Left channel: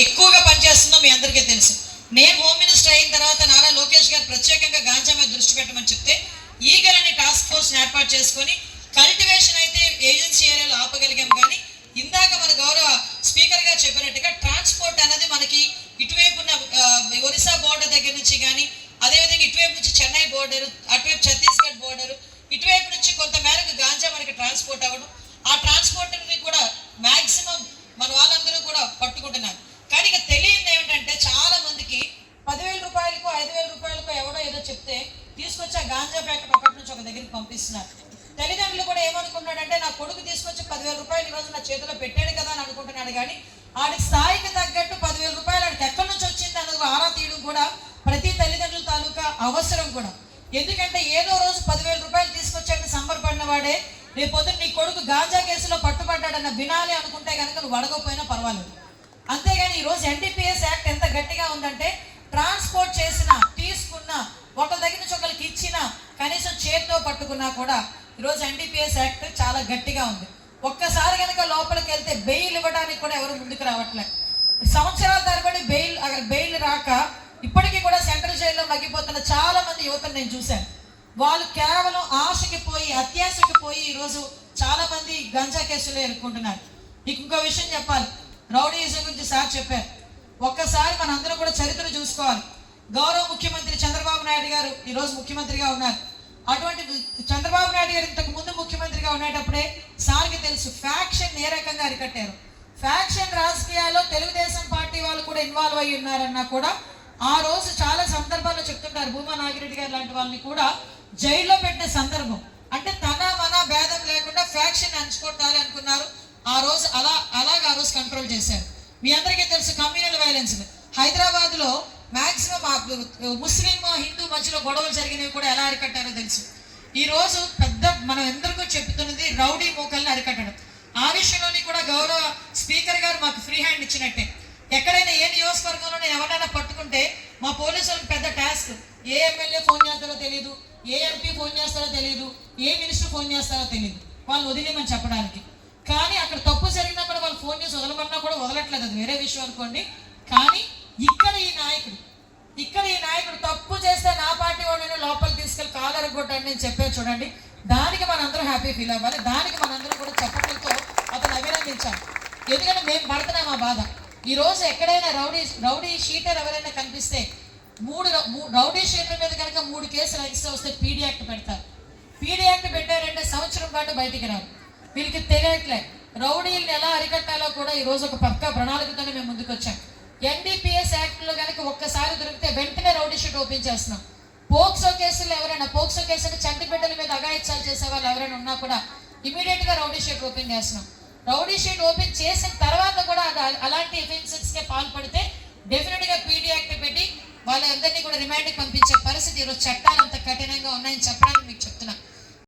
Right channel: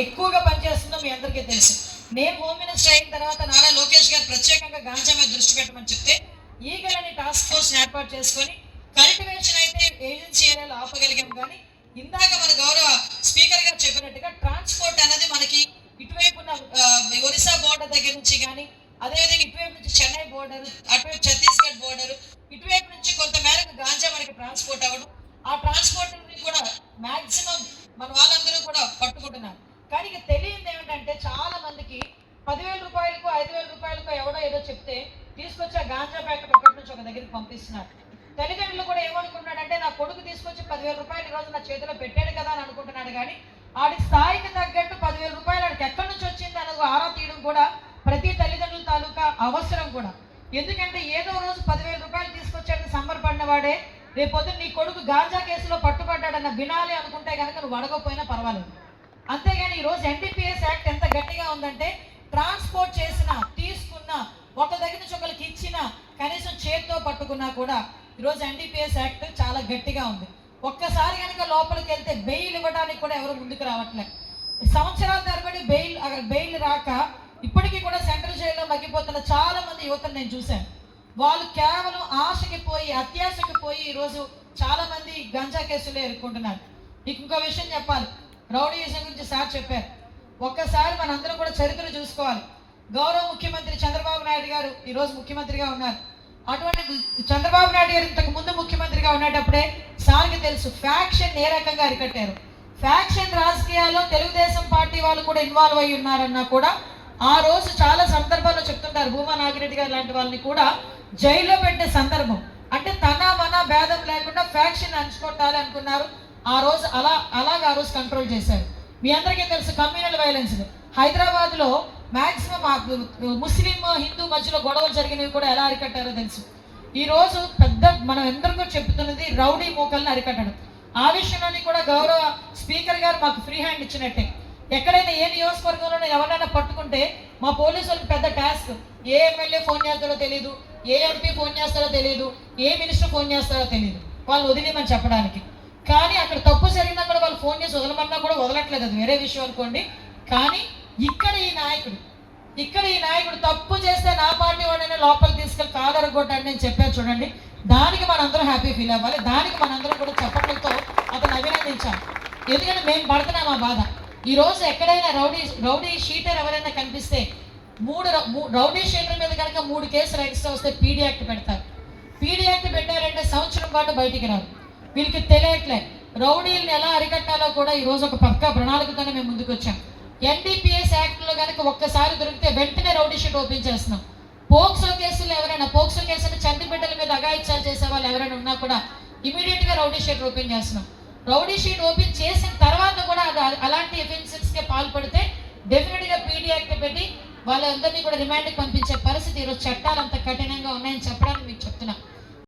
ఎక్కువగా పనిచేస్తుందో మీ అందరికీ తెలుసు. నేను హోమ్ మినిస్టర్ అయిన తర్వాత నారా లోకేష్ గారు ప్రత్యేకంగా గాంజా మీద దృష్టి పెట్టమని చెప్తే ఈగలని టాస్క్ ఫోర్స్ ఏర్పాటు చేసుకొని కల్టివేషన్ అయితే ఏజెన్సీ ఏరియాలో ఆపగలిగాం. కానీ ఇందాక మన గౌరవ స్పీకర్ గారు చెప్పినట్టుగా ట్రాన్స్పోర్ట్ అనేది మనకి ఇటువైపు ఉన్న ఒరిస్సా బోర్డర్ దగ్గర నుంచి కానీ, అదేవిధంగా ఇటువైపు నుంచి చెన్నై బోర్డర్, అటువైపు ఛత్తీస్గఢ్ బోర్డర్, ఇటువైపు నుంచి కొంత మేరకు గాంజా మనకి ట్రాన్స్పోర్ట్ అవ్వడం, ఆ ట్రాన్స్పోర్ట్ కూడా మ్యాక్సిమం మన వాళ్ళందరూ కూడా పట్టుకుంటున్నారు. కానీ ఇక తెలియదు ఏమిటంటే చాలా మందికి 10,000 రూపాయలకు 5,000 రూపాయలకు ఎవరో ఏదో చెప్తే తీసుకొచ్చి ఆ గాంజా ప్యాకెట్ ఒకటి నుంచి ఒక దగ్గరికి పంపిస్తున్నారు. తల్లిదండ్రులు కూడా ఏమనుకున్నాడంటే నా కొడుకు తీసుకొచ్చి 10,000 రూపాయలు ఈరోజు నా చేతిలో పెట్టాడు కదా అని అనుకుంటున్నాడు. కానీ ఆడి స్థాయికి తగ్గట్టు 10,000 రూపాయలు ఆడికి ఎక్కడి నుంచి వచ్చింది అన్నది ఆరా తీయడం కూడా ప్రతి తల్లిదండ్రుల తాలూకా అవసరం కూడా. ఎందుకంటే ఏదో రోజు 10,000 రూపాయలు తీసుకొచ్చాడని సంబరపడిన వాడే రేపొద్దున నీ కొడుకు గాంజా కేసులో పట్టుబడ్డాడన్న వినాలి అనుకుంటే కనుక నువ్వు అడగకపోయినా పర్వాలేదు. అంతేగాని ఈరోజు ఎన్డీపీఎస్ యాక్ట్ ఎంత గట్టిగా ఉందంటే ట్రాన్స్పోర్ట్ చేసినా, తీసుకున్నా, ఒకరి దగ్గర నుంచి ఒకరికి ఇచ్చినా, కనీసం చేతితో పట్టుకున్నా కూడా ఈరోజు ఎన్డీపీఎస్ యాక్ట్ చాలా గట్టిగా ఉంది. ఒక్కసారి కనుక లోపలికి వెళ్తే బెయిల్ ఇవ్వడానికి కూడా ఎవరు ముందుకు రావట్లేదు. సంవత్సరాల తరబడి బెయిల్ రాక ఇప్పటికీ కూడా సెంట్రల్ జైల్లో మగ్గిపోతున్న చాలా మంది యువతను నేను చూశాను. వాళ్ళు కేవలం ఆశకి పోయి, అత్యాశకి పోయి ఈరోజు చాలా మంది గంజా కేసులో ఎదుర్కొంటున్నారు. ఇంకో విషయం చెప్పాలి, రౌడీయిజం గురించి సార్ చెప్పారు. ఒక్కసారి మనందరం కూడా చరిత్ర చూసుకోవాలి. గౌరవ ముఖ్యమంత్రి చంద్రబాబు నాయుడు గారు ఈరోజు ముఖ్యమంత్రిగా ఉన్నారు. అటువంటి చంద్రబాబు నాయుడు గారు ఇంతకు ముందు ముఖ్యమంత్రిగా ఉండేటప్పుడే సార్కి తెలుసు ఫ్యాక్షన్ ఏ రకంగా అరికట్టారు. ఫ్యాక్షన్ రాజకీయాల్లో తెలుగుదేశం పార్టీ వాళ్ళు కూడా ఇన్వాల్వ్ అయ్యి ఉన్నారన్నా కూడా ఆ రోజు చాలా సందర్భాల్లో చెప్తుంటారు. భూమా నాగిరెడ్డి గారు లాంటి వాళ్ళని కూడా జైల్లో పెట్టే సందర్భం. అంటే తన మన భేదం లేకుండా ఫ్యాక్షన్ అంచుకోవాలి అనుకున్నారు. ఆ రోజు అలాగా ఆ రోజు కంట్రోల్ చేశారు. మీ అందరికీ తెలుసు కమ్యూనల్ వైలెన్స్ హైదరాబాద్ లో మాక్సిమం ముస్లిం హిందూ మధ్యలో గొడవలు జరిగినవి కూడా ఎలా అరికట్టారో తెలుసు. ఈ రోజు పెద్ద మనం ఎందరికో చెప్తున్నది రౌడీ మోకల్ని అరికట్టడం. ఆ విషయంలోని కూడా గౌరవ స్పీకర్ గారు మాకు ఫ్రీ హ్యాండ్ ఇచ్చినట్టే. ఎక్కడైనా ఏ నియోజకవర్గంలో ఎవరైనా పట్టుకుంటే మా పోలీసులకు పెద్ద టాస్క్. ఏ ఎమ్మెల్యే ఫోన్ చేస్తారో తెలియదు, ఏ ఎంపీ ఫోన్ చేస్తారో తెలియదు, ఏ మినిస్టర్ ఫోన్ చేస్తారో తెలియదు, వాళ్ళు వదిలేమని చెప్పడానికి. కానీ అక్కడ తప్పు జరిగినా కూడా వాళ్ళు ఫోన్ చేసి వదలమన్నా కూడా వదలట్లేదు, అది వేరే విషయం అనుకోండి. కానీ ఇక్కడ ఈ నాయకుడు తప్పు చేస్తే నా పార్టీ వాడిని లోపలికి తీసుకెళ్ళి కాలర్ కొట్టాడని నేను చెప్పాను చూడండి. దానికి మనందరం హ్యాపీ ఫీల్ అవ్వాలి. దానికి మనందరం కూడా చెప్పడంతో అతను అభినందించాలి. ఎందుకంటే మేము పడుతున్నాం ఆ బాధ. ఈ రోజు ఎక్కడైనా రౌడీ షీటర్ ఎవరైనా కనిపిస్తే రౌడీ షీటర్ మీద కనుక 3 కేసులు ఎక్స్ట్రా వస్తే పీడీ యాక్ట్ పెడతారు. పీడీ యాక్ట్ పెట్టారంటే సంవత్సరం పాటు బయటికి రాదు. వీళ్ళకి తెలియట్లే రౌడీలను ఎలా అరికట్టాలో కూడా ఈ రోజు ఒక పక్కా ప్రణాళికతోనే మేము ముందుకు వచ్చాం. ఎన్డీపీఎస్ యాక్ట్ లో కనుక ఒక్కసారి దొరికితే వెంటనే రౌడీ షీట్ ఓపెన్ చేస్తున్నాం. పోక్సో కేసులు ఎవరైనా చంటి బిడ్డల మీద అఘాయిత్యాలు చేసే వాళ్ళు ఎవరైనా ఉన్నా కూడా ఇమీడియట్ గా రౌడీ షీట్ ఓపెన్ చేస్తున్నాం. రౌడీ షీట్ ఓపెన్ చేసిన తర్వాత కూడా అలాంటి అఫెన్సెస్ కి పాల్పడితే డెఫినెట్ గా పీడీ యాక్ట్ పెట్టి వాళ్ళందరినీ కూడా రిమాండ్ పంపించే పరిస్థితి ఈరోజు చట్టాలు అంత కఠినంగా ఉన్నాయని చెప్పడానికి మీకు చెప్తున్నా.